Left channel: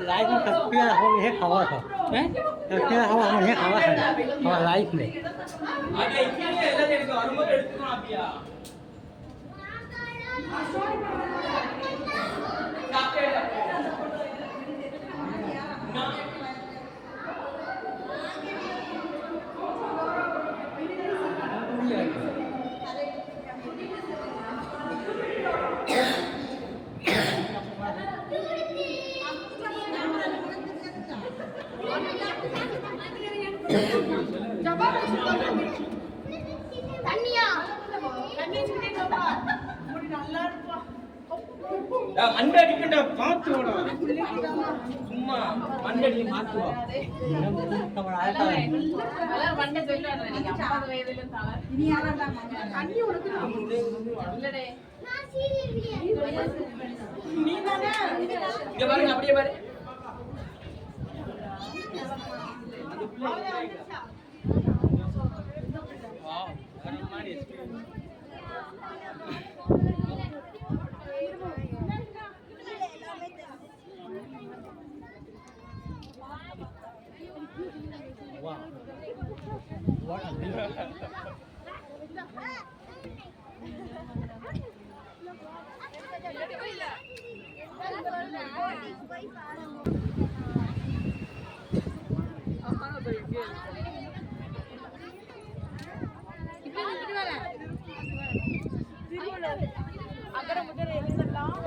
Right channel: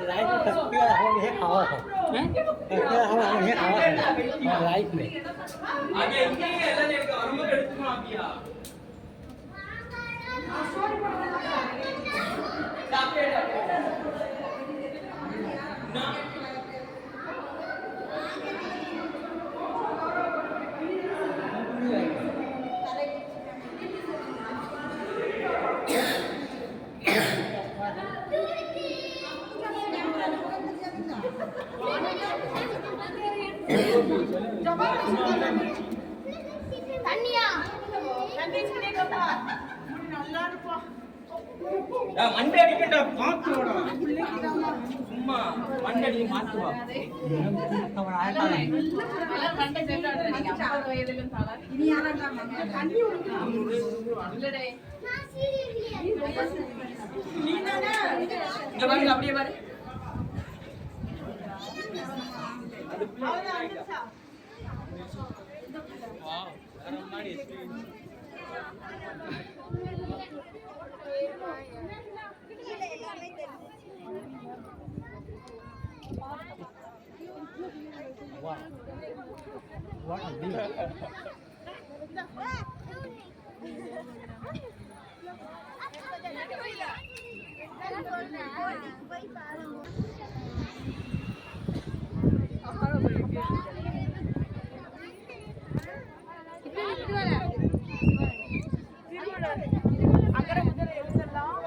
lái cái thật kia không hết khó rồi, thật kia không hết khó rồi, họ lái này. மண்டை அடிக்கின்ற பாத்துவோட சும்மா மண்டை அடி மாத்துவா மண்டை சொல்றாரு 50 வயதிலும் தலை இனி யாராண்டா தண்ணி இல்லடே நீ நானே இங்க பாருங்க அப்படியே பாரு வா வர மாதிரி Wow, what a deal. அக்கறை முதல்ல எழுதலாம்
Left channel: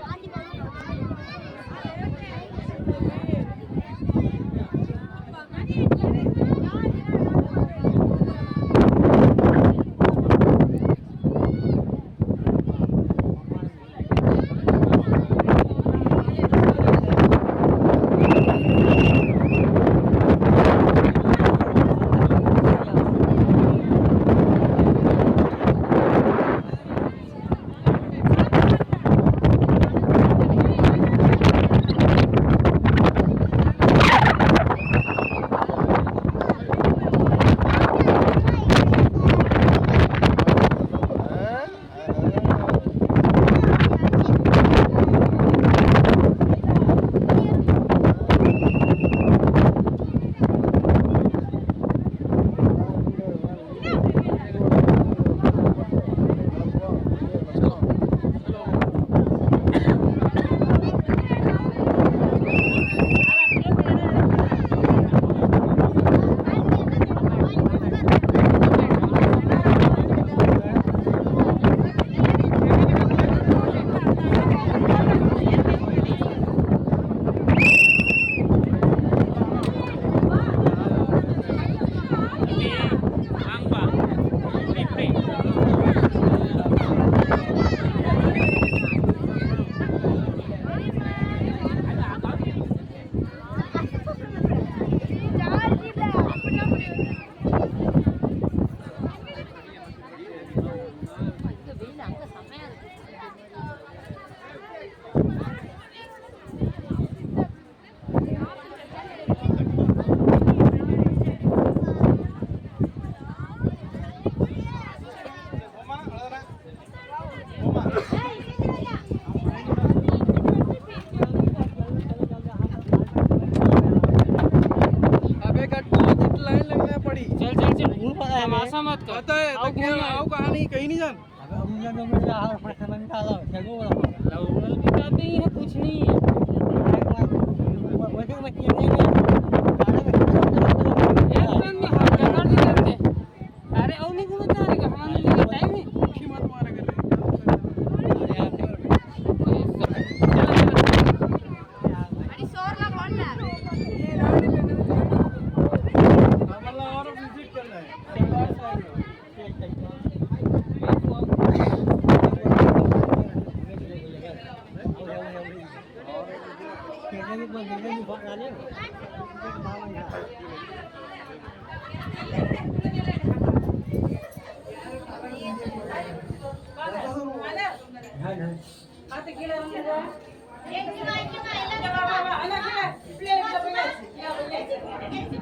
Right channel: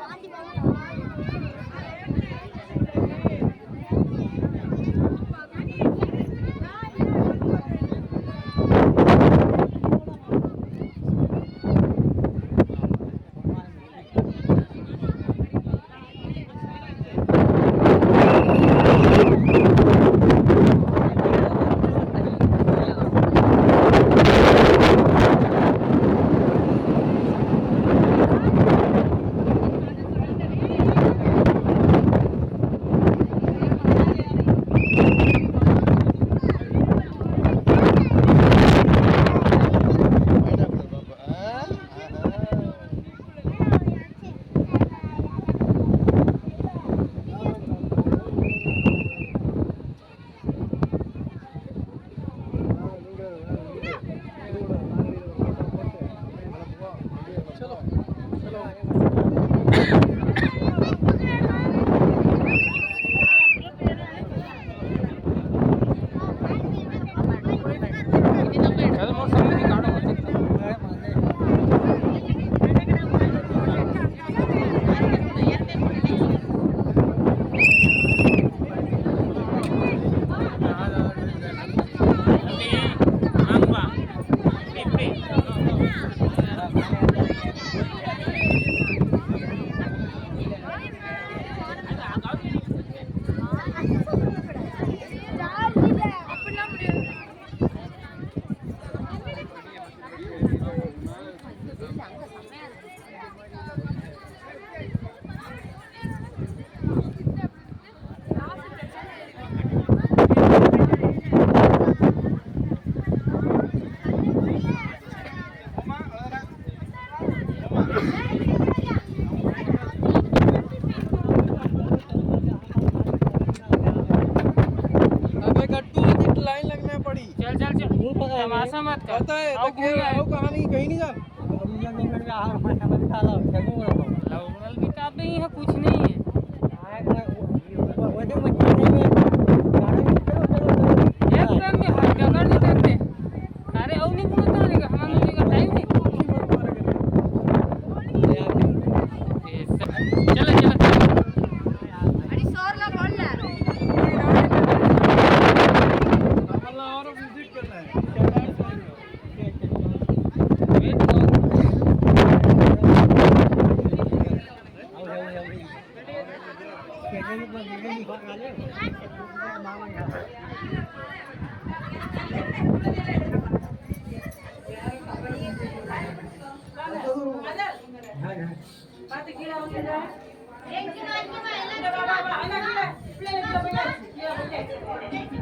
तमाशा मत कर आओ कहानी कहीं नहीं जान लवल की कापी है कुछ नहीं है एकदम में हर जगह नहीं करते अरे और नहीं गुण था लेगा हम लोग टाइम है चलो अरे सोरला बोल ना பிள்ளைங்க போயாச்சு